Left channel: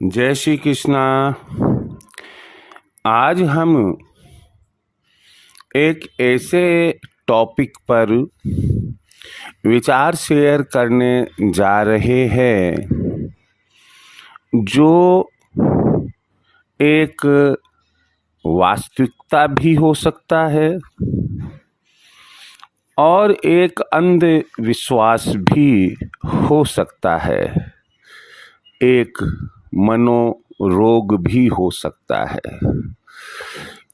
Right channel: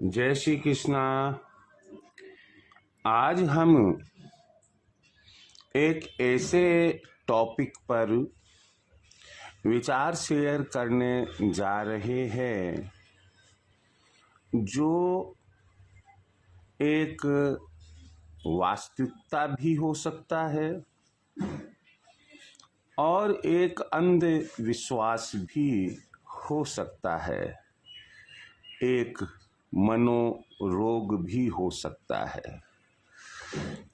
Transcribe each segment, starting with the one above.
जय श्री कृष्णा। आज हम एक ऐसे टॉपिक पर विचार शेयर करने जा रहे हैं जो एक वास्तविकता भी हो सकता है और एक अंधविश्वास भी हो सकता है, एक मनोरोग भी हो सकता है।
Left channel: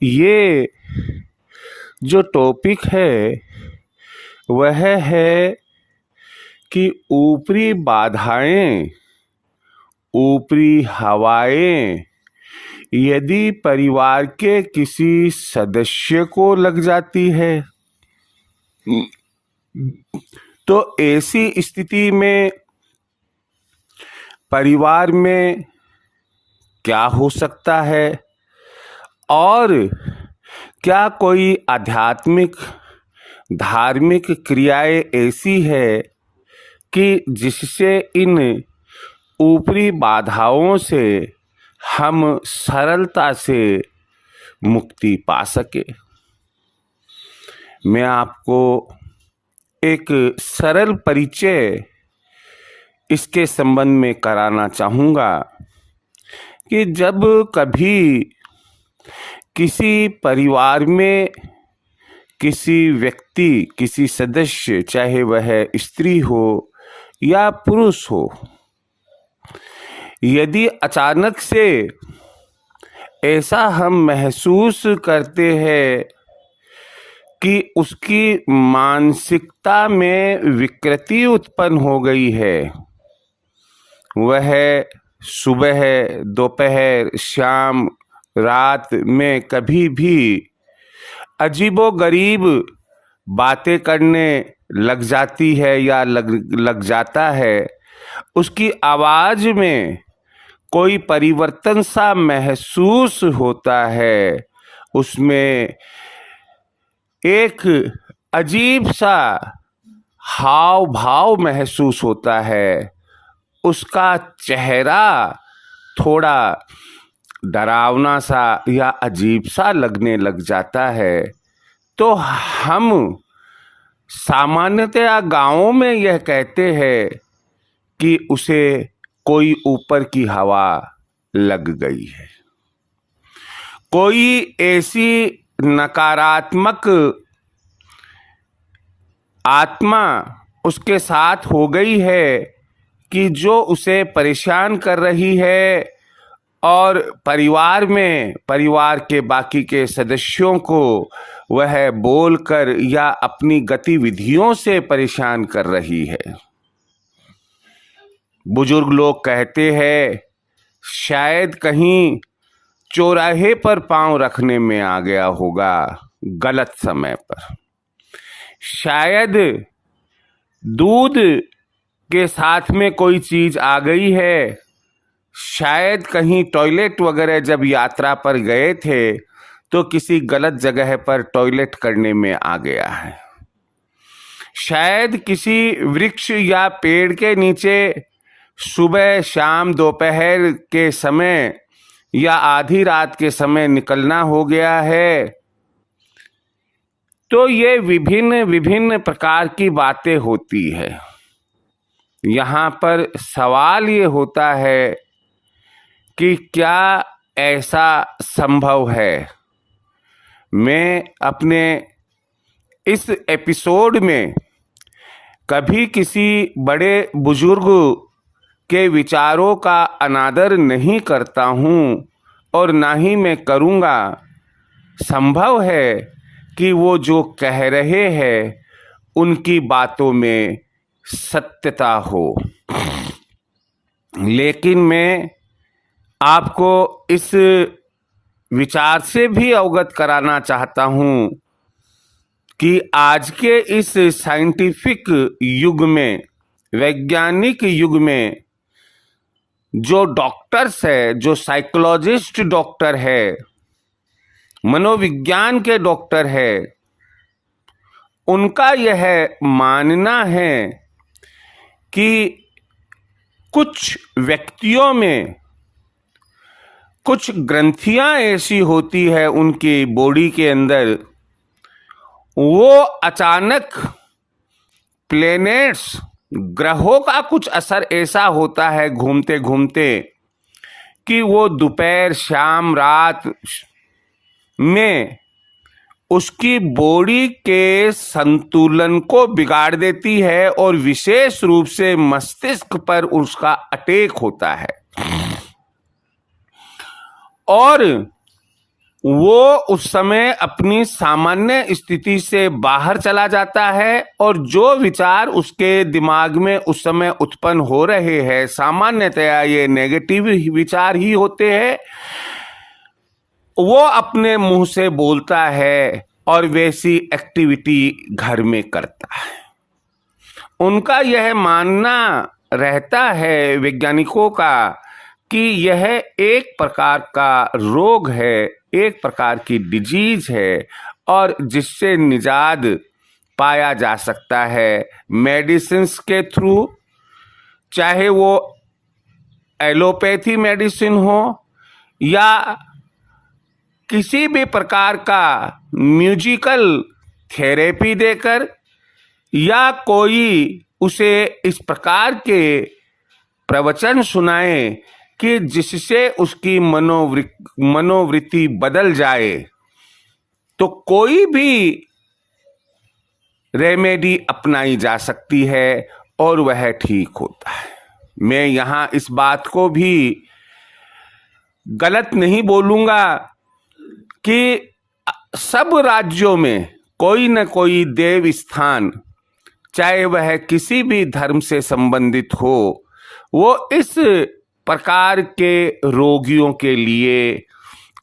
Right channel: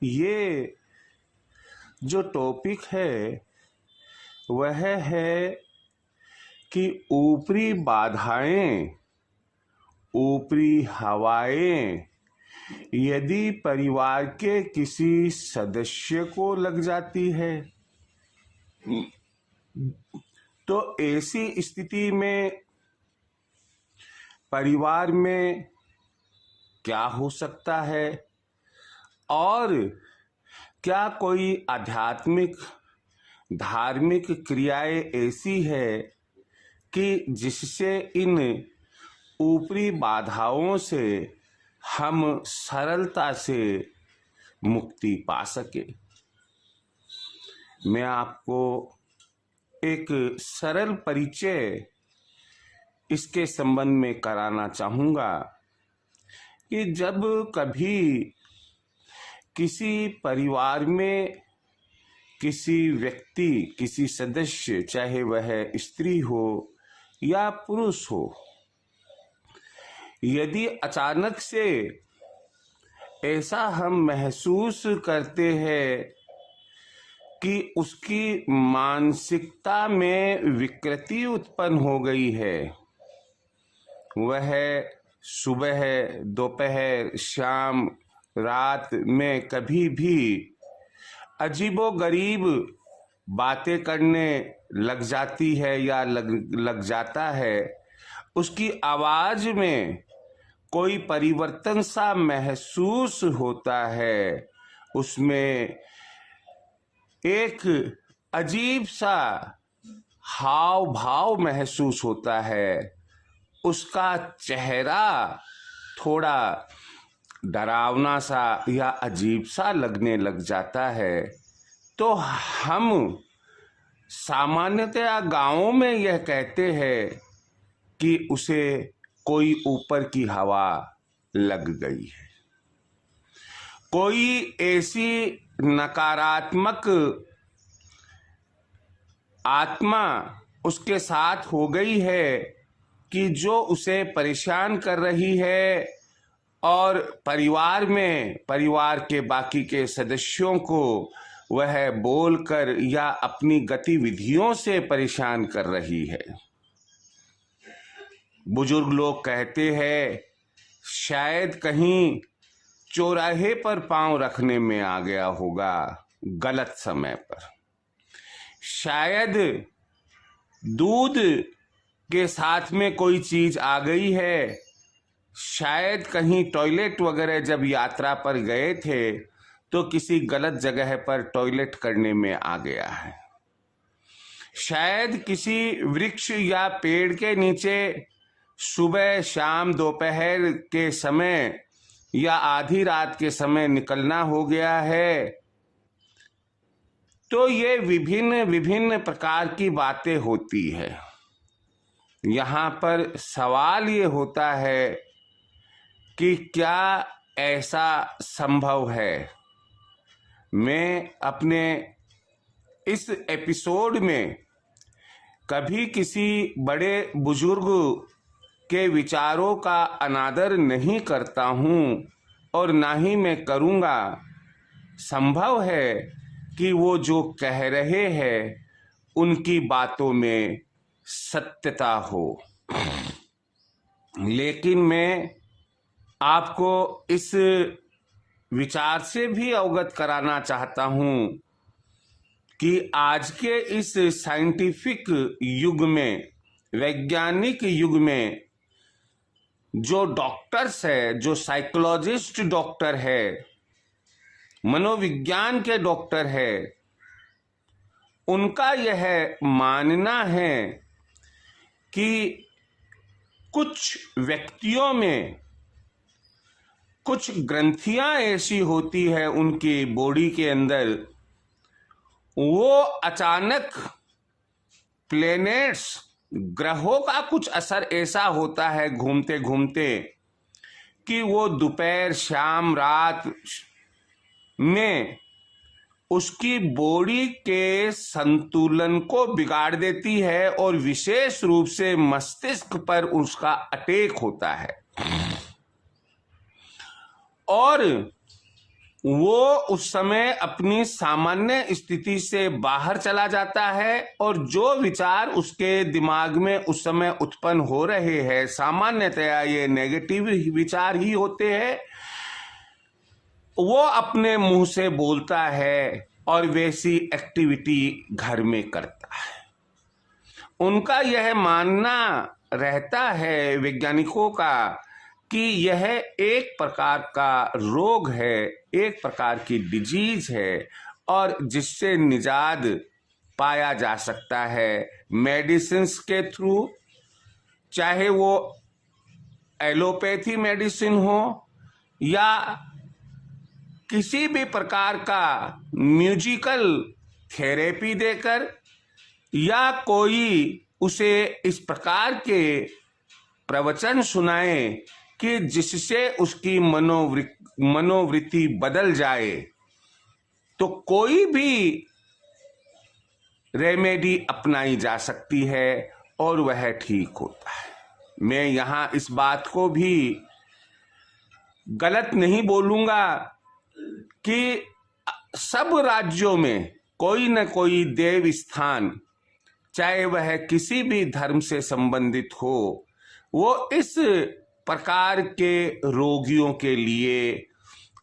ये जो टॉपिक है वह है कि ऊपरी बाधाएं, ऊपरी हवाएं यदि परिवार के किसी सदस्य को लग जाती है तो ऐसी स्थिति में परिवार में क्या हो सकता है और क्या कोई आध्यात्मिक धार्मिक क्रियाएं ऐसी है कि जिससे इन ऊपरी बाधाओं से हम सरलता से मुक्ति पा सके। मैं आपको एक सरल परिचय इसके संबंध में कराना चाहूँगा कि जब कभी किसी परिवार में किसी व्यक्ति, किसी सदस्य, चाहे वह स्त्री हो या पुरुष हो, यदि अचानक से ऐसा हम महसूस करते हैं कि उसकी मानसिकता में विकृति उत्पन्न हो गई है, वह सुबह, दोपहर, शाम, रात में कभी भी अजीबोगरीब बातें करने लग जाती है या लग जाता है, उसकी आवाज में कोई परिवर्तन सा महसूस होता है, उसमें एक अजीब सा हाव भाव महसूस होता है, उसका चेहरा थोड़ा डरावना सा या अजीब सा लगने लग जाता है, तो हम सामान्यतया गांवों में यह कहते हैं कि उसे कोई ऊपर की हवा लग गई है, कोई ऐसी नकारात्मक आत्मा उसके साथ हो गई है कि जो उसे परेशान कर रही है और परिवार के बाकी के सदस्यों को वह बोलकर या अपनी गतिविधियों से परेशान कर रही है। बुजुर्ग लोग कहते हैं शायद कहीं चौराहे पर पांव रखने में आ गया होगा गलत समय पर, शायद दूध के साथ में कोई चीज आ गई है, शायद कहीं टॉयलेट वगैरह जब यात्रा पर गए थे तो किसी गलत जगह पर टॉयलेट करने में आ गया है, शायद किसी वृक्ष या पेड़ के नीचे सुबह, शाम, दोपहर के समय या आधी रात के समय निकलना हो गया है। तो ये विभिन्न विभिन्न प्रकार की बातें होती है। यहाँ पर सवाल ये होता है कि क्या ऐसा संभव है? मैं अपने इस एपिसोड में कभी किसी बड़े बुजुर्ग के विचारों का अनादर नहीं करता हूँ और ना ही मैं करूँगा। संभव है कि वो जो कह रहे हैं उनकी बातों में सत्यता हो, लेकिन मैं आपको इस विचार से भी अवगत कराना चाहता हूँ कि आज के इस साइंटिफिक युग में, वैज्ञानिक युग में, जो डॉक्टर्स है, जो साइकोलॉजिस्ट डॉक्टर है, मनोविज्ञान के डॉक्टर है, उनका यह मानना है कि कुछ व्यक्तियों में कुछ ग्रंथियां ऐसी होती है उनकी बॉडी के अंदर, वो अचानक प्लेनेट्स, ग्रहों का कुछ असर ऐसा होता है घूमते घूमते कि वो दोपहर शाम रात में उसकी बॉडी के संतुलन को बिगाड़ देती है और विशेष रूप से मस्तिष्क पर उसका अटैक होता है और वो उस समय अपनी सामान्य स्थिति से बाहर चला जाता है और जो विचार उसके दिमाग में उस समय उत्पन्न हो रहे हैं सामान्यतया ये नेगेटिव विचार ही होते हैं, वो अपने मुंह से बोलता है और वैसी एक्टिविटी घर में करता है। उनका यह मानना रहता है वैज्ञानिकों का कि यह एक प्रकार का रोग है, एक प्रकार की डिजीज है और जिससे निजात पाया जा सकता है मेडिसिन्स के थ्रू, चाहे वो एलोपैथी मेडिसिन हो या किसी भी प्रकार का म्यूजिकल थेरेपी देकर या कोई उसे इस प्रकार के प्रवचन सुनाए कि जिससे उसकी मनोवृत्ति बदल जाए, तो कोई भी रेमेडी अपनाई जा सकती है और वह ठीक होता है। मैं यहाँ इस बात को भी गलत नहीं बोलूँगा कि सब राज्यों में कोई न कोई देव स्थान, चाहे वह किसी भी धर्म से संबंधित हो, वो इस प्रकार के रोगियों के लिए,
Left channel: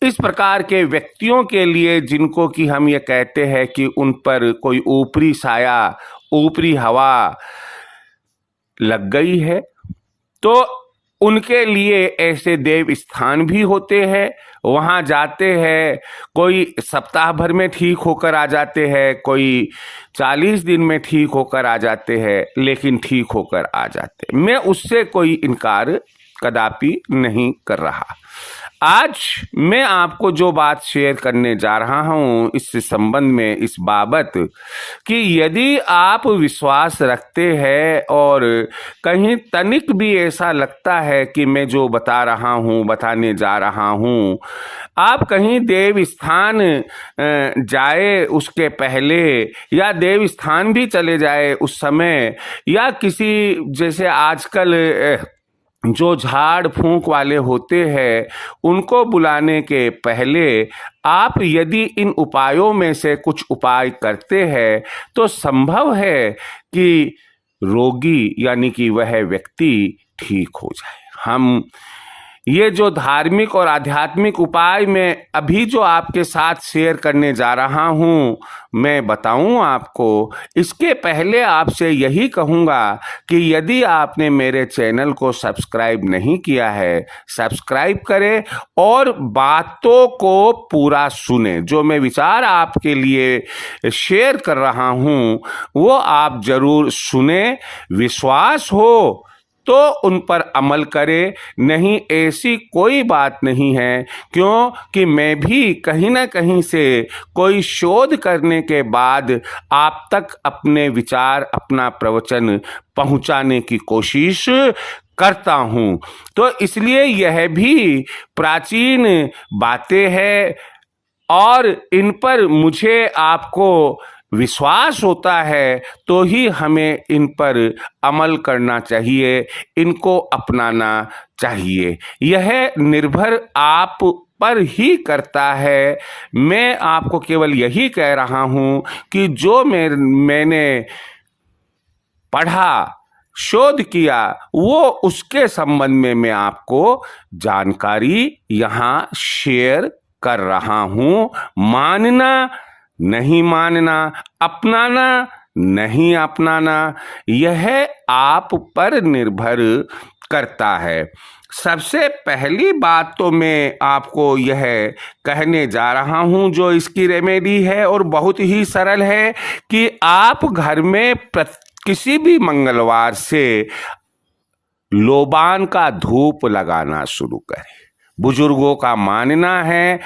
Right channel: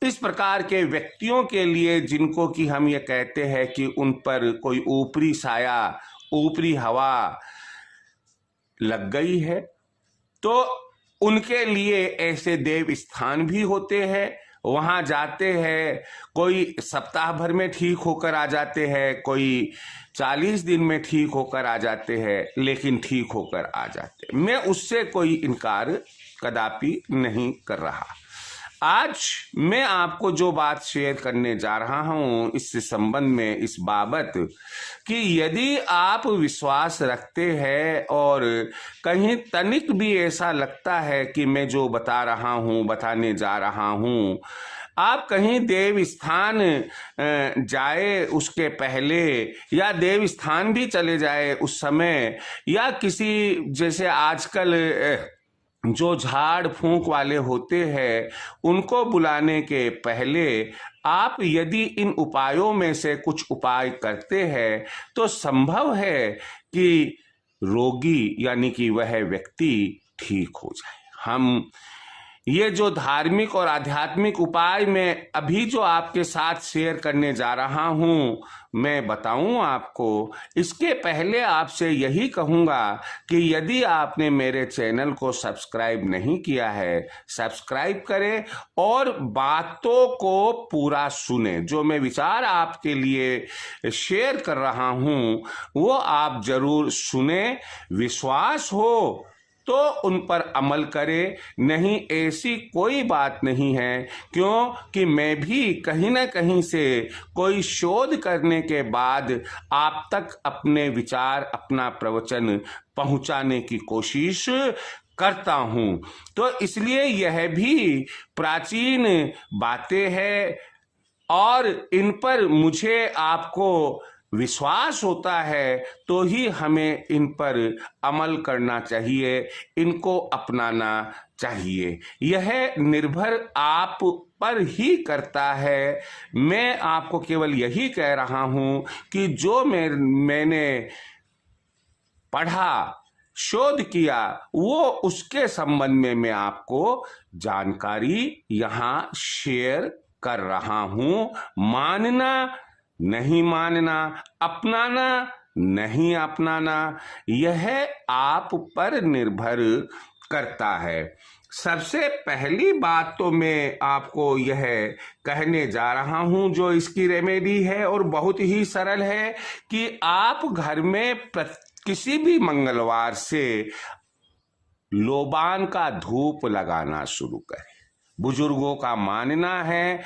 इस प्रकार के व्यक्तियों के लिए जिनको कि हम ये कहते हैं कि उन पर कोई ऊपरी साया, ऊपरी हवा लग गई है, तो उनके लिए ऐसे देव स्थान भी होते हैं। वहाँ जाते हैं, कोई सप्ताह भर में ठीक होकर आ जाते हैं, कोई 40 दिन में ठीक होकर आ जाते हैं, लेकिन ठीक होकर आ जाते। मैं उससे कोई इनकार कदापि नहीं कर रहा। आज मैं आपको जो बात शेयर करने जा रहा हूँ इस संबंध में, इस बाबत कि यदि आप विश्वास रखते हैं और कहीं तनिक भी ऐसा लगता है कि मैं जो बता रहा हूँ, बताने जा रहा हूँ, आप कहीं देव स्थान जाए उसके पहले या देव स्थान भी चले जाए उस समय, या किसी जैसे आजकल जो झाड़ फूंक वाले होते हैं उनको बुलाने के पहले आप यदि इन उपायों में से कुछ उपाय करते हैं तो संभव है कि रोगी यानी कि वह व्यक्ति ठीक हो जाए। हम ये जो धार्मिक और आध्यात्मिक उपाय मैं अभी जो आपके साथ शेयर करने जा रहा हूँ, मैं बताऊं आपको, इसके पहले आपसे यही कहूँगा कि यदि आपने मेरे चैनल को सब्सक्राइब नहीं किया है, सब्सक्राइब करें और बातों को पूरा सुने। जो मैं विचार आपके लिए शेयर कर रहा हूँ वो आप जरूर सुने, विश्वास हो तो उन पर अमल करें, नहीं ऐसी कोई बात नहीं है। क्योंकि मैं भी कहीं ना कहीं से कोई शोध करने के बाद आप तक अपने विचार, अपना प्रवचन पहुंचाने की कोशिश करता हूं। तो इसलिए यह भी प्राचीन बातें हैं और इन पर मुझे आपको विश्वास होता है तो ही हमें इन पर अमल करना चाहिए, इनको अपनाना चाहिए। यह निर्भर आप पर ही करता है। मैं आपको केवल यही कह रहा हूं कि जो मैंने पढ़ा, शोध किया, वो उसके संबंध में मैं आपको जानकारी यहाँ शेयर कर रहा हूं। मानना नहीं मानना, अपनाना नहीं अपनाना, यह आप पर निर्भर करता है। सबसे पहली बात तो मैं आपको यह कहने जा रहा हूं जो इसकी रेमेडी है और बहुत ही सरल है कि आप घर में किसी भी मंगलवार से लोबान का धूप लगाना शुरू करें। बुजुर्गों का मानना है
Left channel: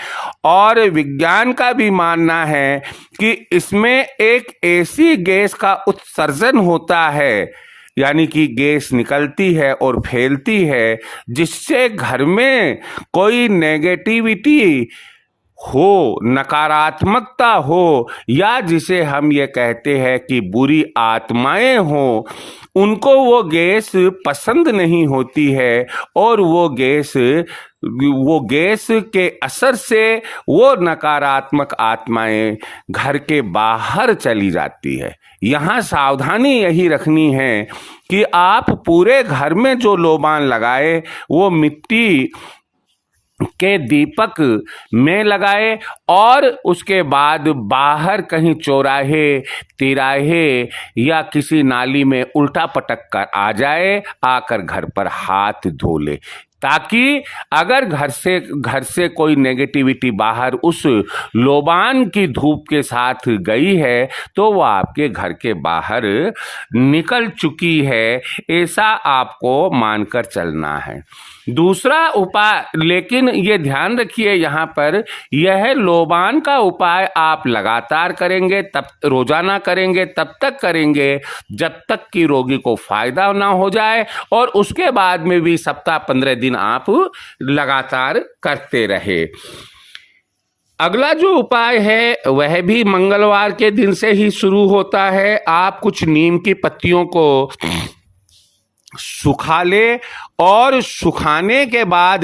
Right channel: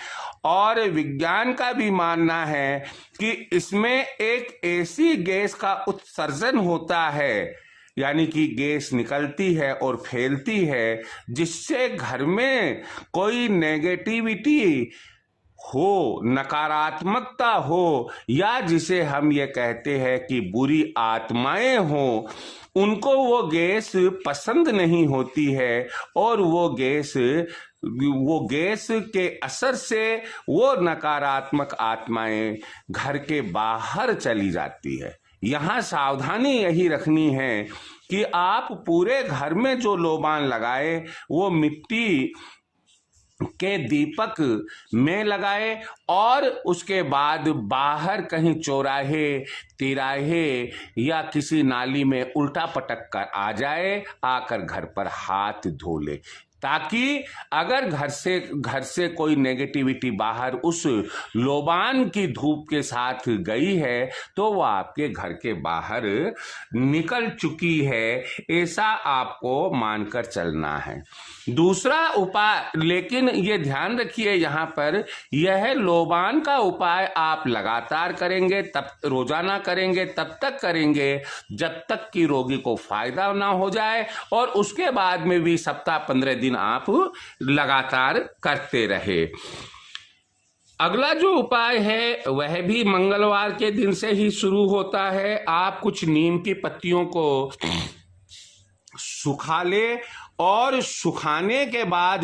और विज्ञान का भी मानना है कि इसमें एक ऐसी गैस का उत्सर्जन होता है, यानी कि गैस निकलती है और फैलती है, जिससे घर में कोई नेगेटिविटी हो, नकारात्मकता हो, या जिसे हम ये कहते हैं कि बुरी आत्माएं हो, उनको वो गैस पसंद नहीं होती है और वो गैस के असर से वो नकारात्मक आत्माएं घर के बाहर चली जाती है। यहाँ सावधानी यही रखनी है कि आप पूरे घर में जो लोबान लगाए वो मिट्टी के दीपक में लगाए और उसके बाद बाहर कहीं चौराहे, तिराहे या किसी नाली में उल्टा पटक कर आ जाए, आकर घर पर हाथ धो ले, ताकि अगर घर से कोई नेगेटिविटी बाहर उस लोबान की धूप के साथ गई है तो वो आपके घर के बाहर निकल चुकी है, ऐसा आपको मानकर चलना है। दूसरा उपाय, लेकिन ये ध्यान रखिए यहाँ पर, यह लोबान का उपाय आप लगातार करेंगे, तब रोजाना करेंगे, तब तक करेंगे जब तक कि रोगी को फायदा ना हो जाए, और उसके बाद में भी सप्ताह 15 दिन आप लगातार करते रहे। अगला जो उपाय है वह भी मंगलवार के दिन से ही शुरू होता है। आप कुछ नीम की पत्तियों को सुखा ले और सुखाने के बाद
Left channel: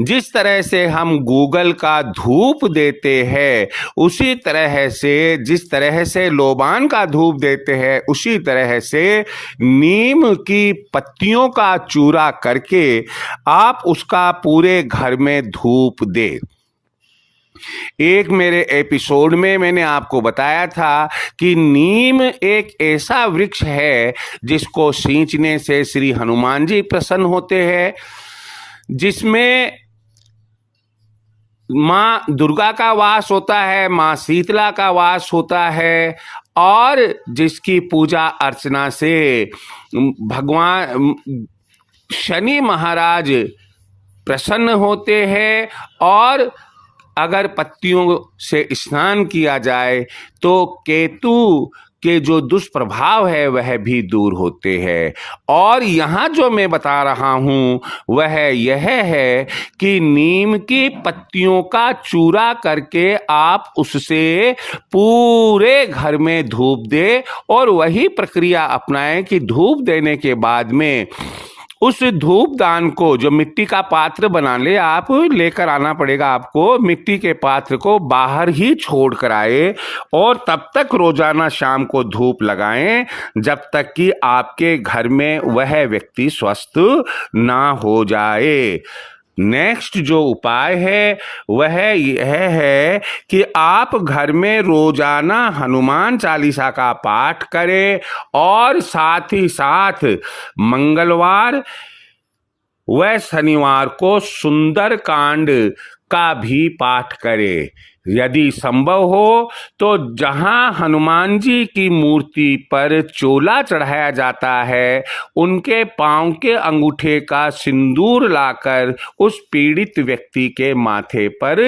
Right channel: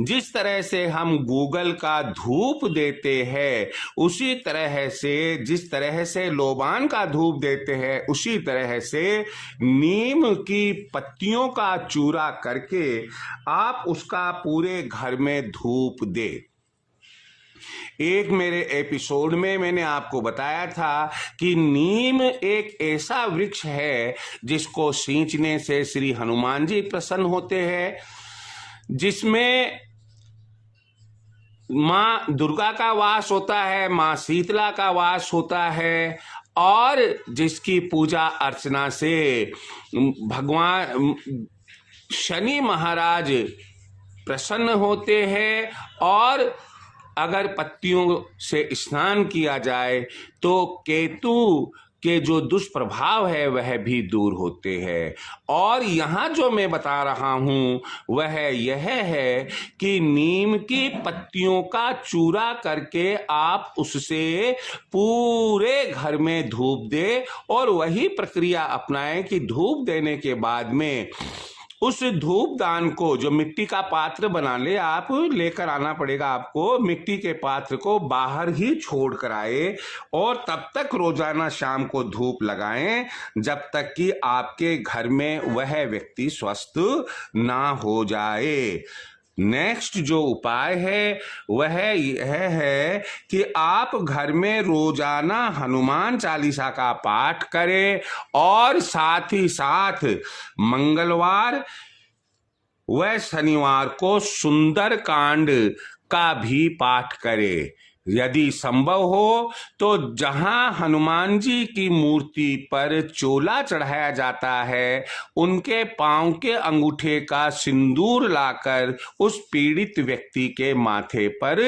जिस तरह से हम गूगल का धूप देते हैं उसी तरह से, जिस तरह से लोबान का धूप देते हैं उसी तरह से नीम की पत्तियों का चूरा करके आप उसका पूरे घर में धूप दें। एक मेरे एपिसोड में मैंने आपको बताया था कि नीम एक ऐसा वृक्ष है जिसको सींचने से श्री हनुमान जी प्रसन्न होते हैं, जिसमें माँ दुर्गा का वास होता है, माँ शीतला का वास होता है, और जिसकी पूजा अर्चना से भगवान शनि महाराज प्रसन्न होते हैं, और अगर पत्तियों से स्नान किया जाए तो केतु के जो दुष्प्रभाव है वह भी दूर होते हैं। और यहाँ जो मैं बता रहा हूँ वह यह है कि नीम की पत्तियों का चूरा करके आप उससे पूरे घर में धूप दे, और वही प्रक्रिया अपनाएं कि धूप देने के बाद में उस धूप दान को, जो मिट्टी का पात्र बना ले, आप लेकर आना पड़ेगा आपको, मिट्टी के पात्र को बाहर ही छोड़ कर आए और तब तक रोजाना शाम को धूप लगाएं जब तक कि आपके घर में वह व्यक्ति स्वस्थ ना हो जाए। नेक्स्ट जो उपाय है वह यह है कि आप घर में रोजाना हनुमान चालीसा का पाठ करें और साथ ही साथ मंगलवार व शनिवार को सुंदर कांड का भी पाठ करें। यदि संभव हो तो जहां हनुमान जी की मूर्ति पर चोला चढ़ाया जाता है उनके पांव के अंगूठे का सिंदूर लाकर उस पीड़ित व्यक्ति के माथे पर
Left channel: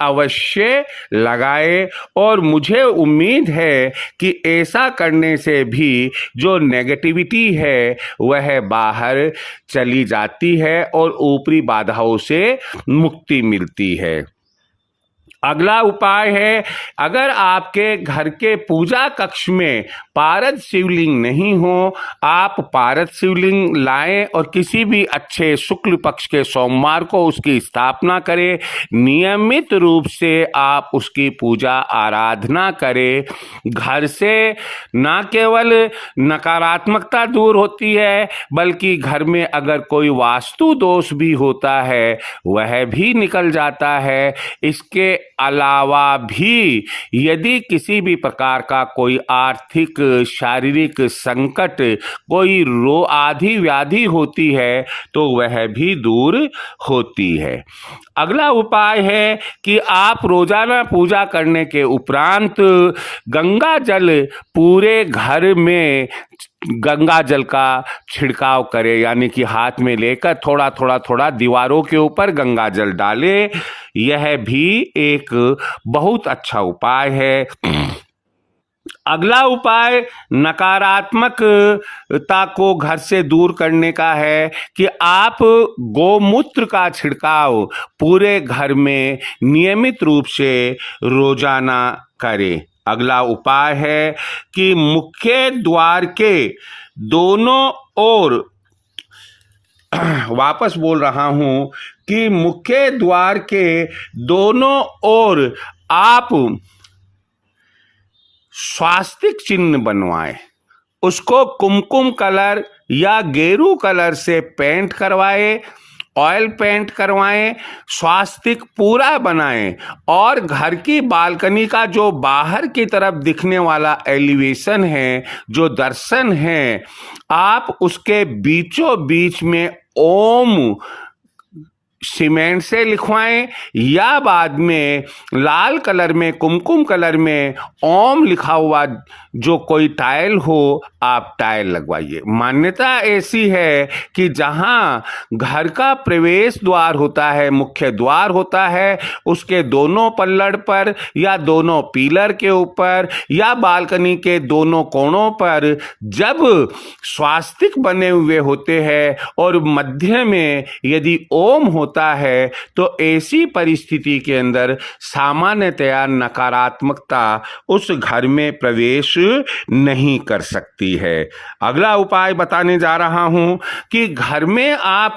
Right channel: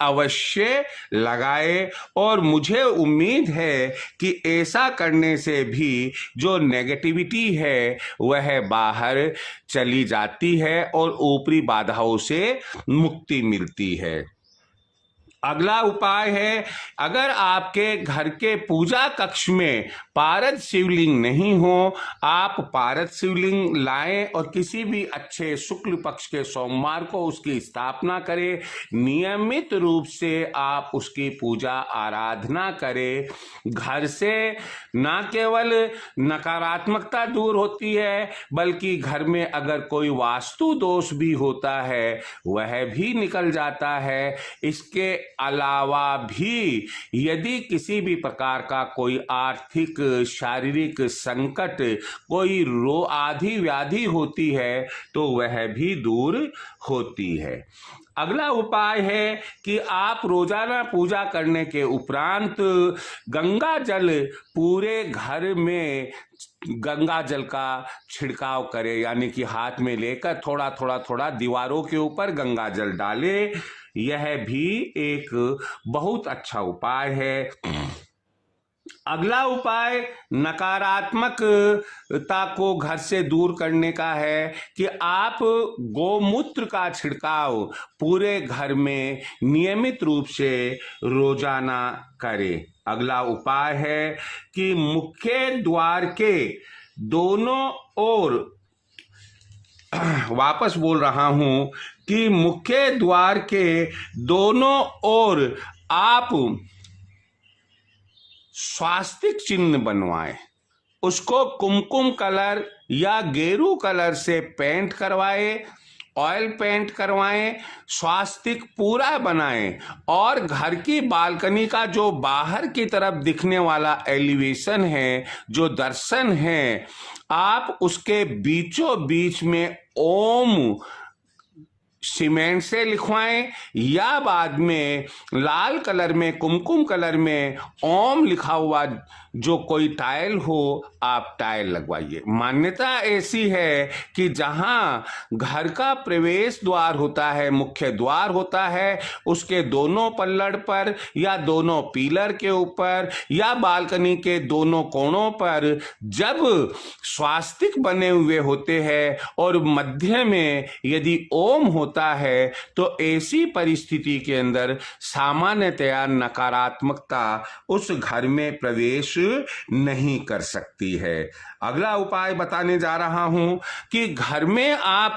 अवश्य लगाए, और मुझे उम्मीद है कि ऐसा करने से भी जो नेगेटिविटी है वह बाहर चली जाती है और ऊपरी बाधाओं से मुक्ति मिलती है। अगला उपाय है, अगर आपके घर के पूजा कक्ष में पारद शिवलिंग नहीं हो, आप पारद शिवलिंग लाएं और किसी भी अच्छे शुक्ल पक्ष के सोमवार को उसकी स्थापना करें। नियमित रूप से आप उसकी पूजा आराधना करें। घर से न केवल नकारात्मकता दूर होती है बल्कि घर में अगर कोई वास्तु दोष भी होता है वह भी निकल जाता है। इसके अलावा भी यदि किसी भी प्रकार का कोई आर्थिक, शारीरिक संकट, कोई आदि व्याधि होती है तो वह भी दूर होती है। अगला उपाय है कि आप रोजाना पूजा करने के उपरांत गंगा जल पूरे घर में गंगा जल का छिड़काव करे, यानी कि हाथ में लेकर थोड़ा थोड़ा थोड़ा दीवारों के ऊपर गंगा जल डाले। यह भी एक बहुत अच्छा उपाय है। अगला उपाय नकारात्मकता को घर से दूर करने का है कि आप गोमूत्र का छिड़काव पूरे घर में नियमित रूप से रोजाना करें। अगला उपाय है कि मुख्य द्वार के दोनों ओर वापस बोल रहा हूं कि मुख्य द्वार के दोनों ओर आप स्वास्तिक चिन्ह बनवाएं, उसको कुमकुम कलर या गेरू कलर से पेंट करवाएं, ऑयल पेंट करवाएं, स्वास्तिक पूरा बनाएं और घर की बालकनी का जो बाहर की तरफ दिखने वाला एलिवेशन है, जो दर्शन है, आप उसके बीचों बीच में ओम सीमेंट से लिखवाएं या बाद में लाल कलर में कुमकुम कलर में ओम लिखा हुआ जो कोई टाइल हो, आप टाइल लगवाइए। मान्यता ऐसी है कि जहां घर का प्रवेश द्वार होता है, मुख्य द्वार होता है, उसके दोनों पल्लड़ पर या दोनों पिलर के ऊपर या बालकनी के दोनों कोणों पर जब स्वास्तिक बने हुए होते हैं और मध्य में यदि ओम होता है तो ऐसी परिस्थिति के अंदर सामान्यतया नकारात्मकता उस घर में प्रवेश नहीं कर सकती है। अगला उपाय बताने जा रहा हूं कि घर में आप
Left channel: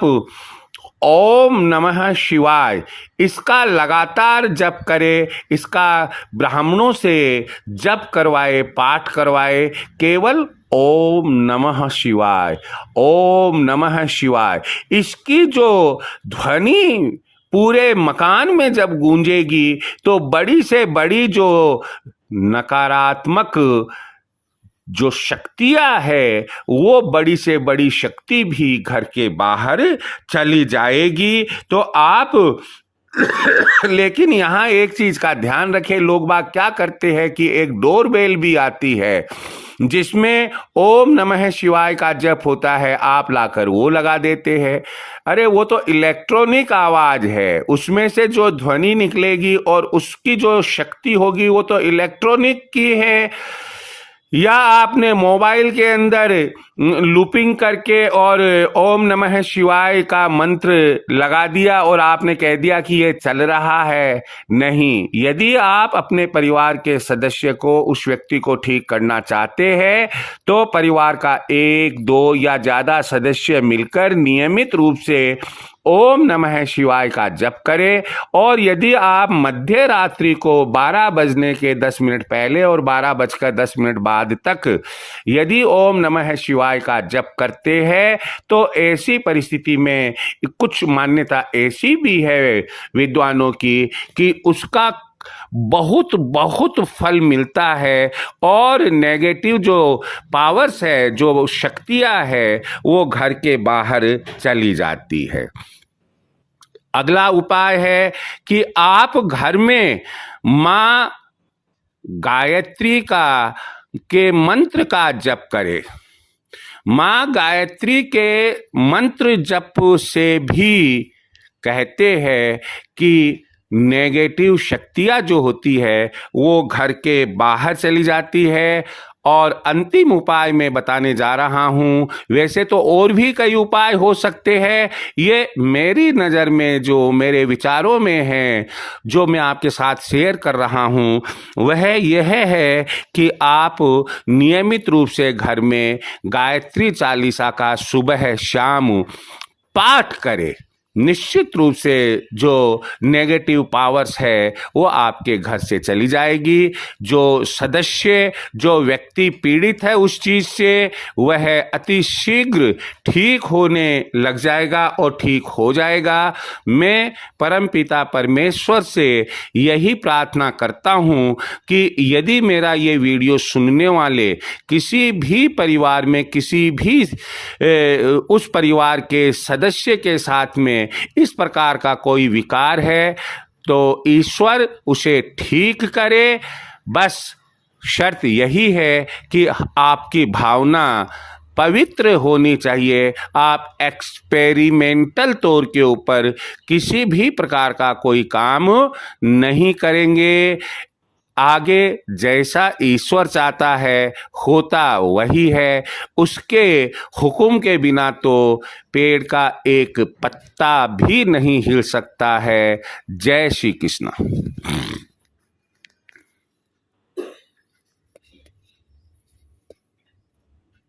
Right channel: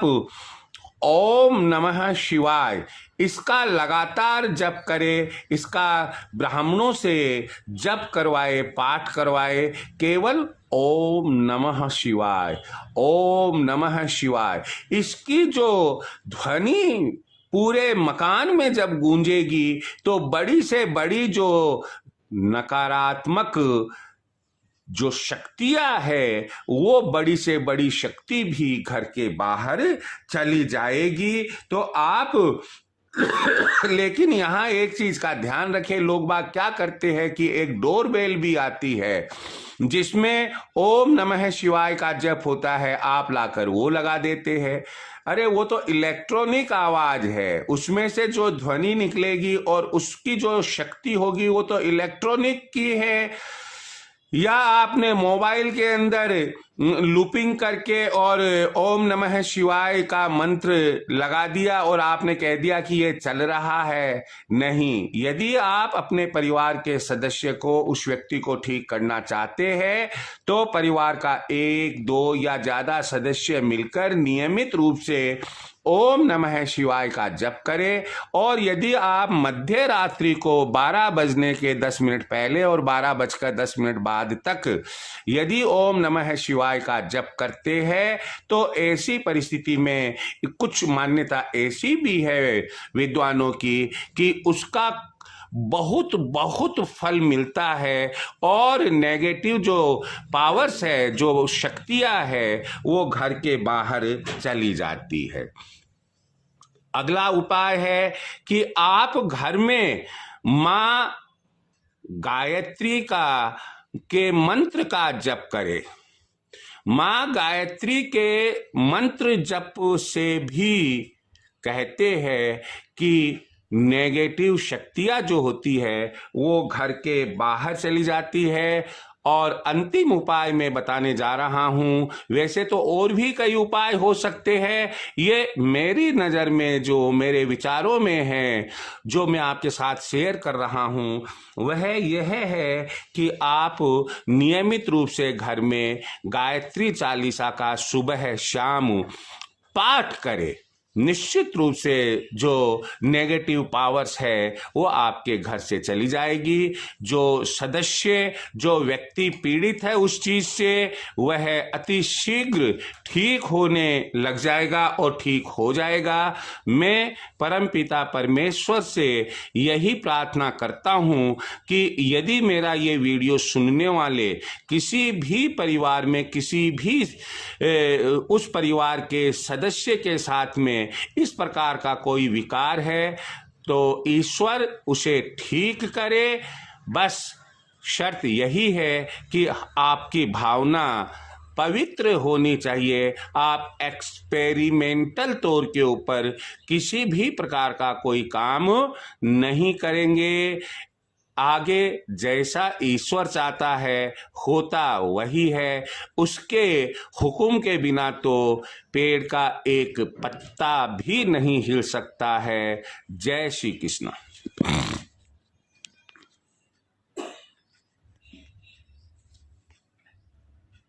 ओम नमः शिवाय इसका लगातार जप करें, इसका ब्राह्मणों से जप करवाए, पाठ करवाए, केवल ओम नमः शिवाय, ओम नमः शिवाय। इसकी जो ध्वनि पूरे मकान में जब गूंजेगी तो बड़ी से बड़ी जो नकारात्मक जो शक्तियां है वो बड़ी से बड़ी शक्ति भी घर के बाहर चली जाएगी। तो आप लेकिन यहाँ एक चीज का ध्यान रखें, लोग बाग क्या करते हैं कि एक डोरबेल भी आती है जिसमें ओम नमः शिवाय का जप होता है, आप लाकर वो लगा देते हैं। अरे वो तो इलेक्ट्रॉनिक आवाज है, उसमें से जो ध्वनि निकलेगी और उसकी जो शक्ति होगी वो तो इलेक्ट्रॉनिक की है। या आपने मोबाइल के अंदर लूपिंग करके और ओम नमः शिवाय का मंत्र लगा दिया और आपने कह दिया कि ये चल रहा है। नहीं, यदि आप अपने परिवार के सदस्य को, उस व्यक्ति को ठीक करना चाहते हैं तो परिवार का 1, 2 या ज्यादा सदस्य मिलकर नियमित रूप से ओम नमः शिवाय का जप करें। और यदि आप मध्य रात्रि को 12 बजने के 10 मिनट पहले और 12:10 बाद तक यदि ओम नमः शिवाय का जप करते हैं तो ऐसी परिस्थिति में कुछ मान्यता ऐसी भी है विद्वानों की कि उसका बहुत बहुत फल मिलता है और नेगेटिव जो पावर्स है, जो शक्तियां है, वो घर के बाहर चली जाती है। अगला उपाय है कि आप घर में मां गायत्री के मंत्र का जप करें। मां गायत्री के मंत्र जप से भी कहते हैं कि नेगेटिव शक्तियां जो होती है वो घर के बाहर चली जाती है। और अंतिम उपाय मैं बताने जा रहा हूं, वैसे तो और भी कई उपाय हो सकते हैं, ये मेरी नज़र में जो मेरे विचारों में है, जो मैं आपके साथ शेयर कर रहा हूं, वह यह है कि आप नियमित रूप से घर में गायत्री चालीसा का सुबह शाम पाठ करें। निश्चित रूप से जो नेगेटिव पावर्स है वो आपके घर से चली जाएगी। जो सदस्य, जो व्यक्ति पीड़ित है उस चीज से, वह अति शीघ्र ठीक होने लग जाएगा और ठीक हो जाएगा। मैं परमपिता परमेश्वर से यही प्रार्थना करता हूँ कि यदि मेरा ये वीडियो सुनने वाले किसी भी परिवार में, किसी भी उस परिवार के सदस्य के साथ में इस प्रकार का कोई विकार है तो ईश्वर उसे ठीक करे। बस शर्त यही है कि आपकी भावना पवित्र होनी चाहिए। आप एक्सपेरिमेंटल तौर के ऊपर किसी भी प्रकार का कोई काम नहीं करेंगे। आगे जैसा ईश्वर चाहता है होता वही है, उसके हुक्म के बिना तो पेड़ का एक पत्ता भी नहीं हिल सकता है। जय श्री कृष्ण।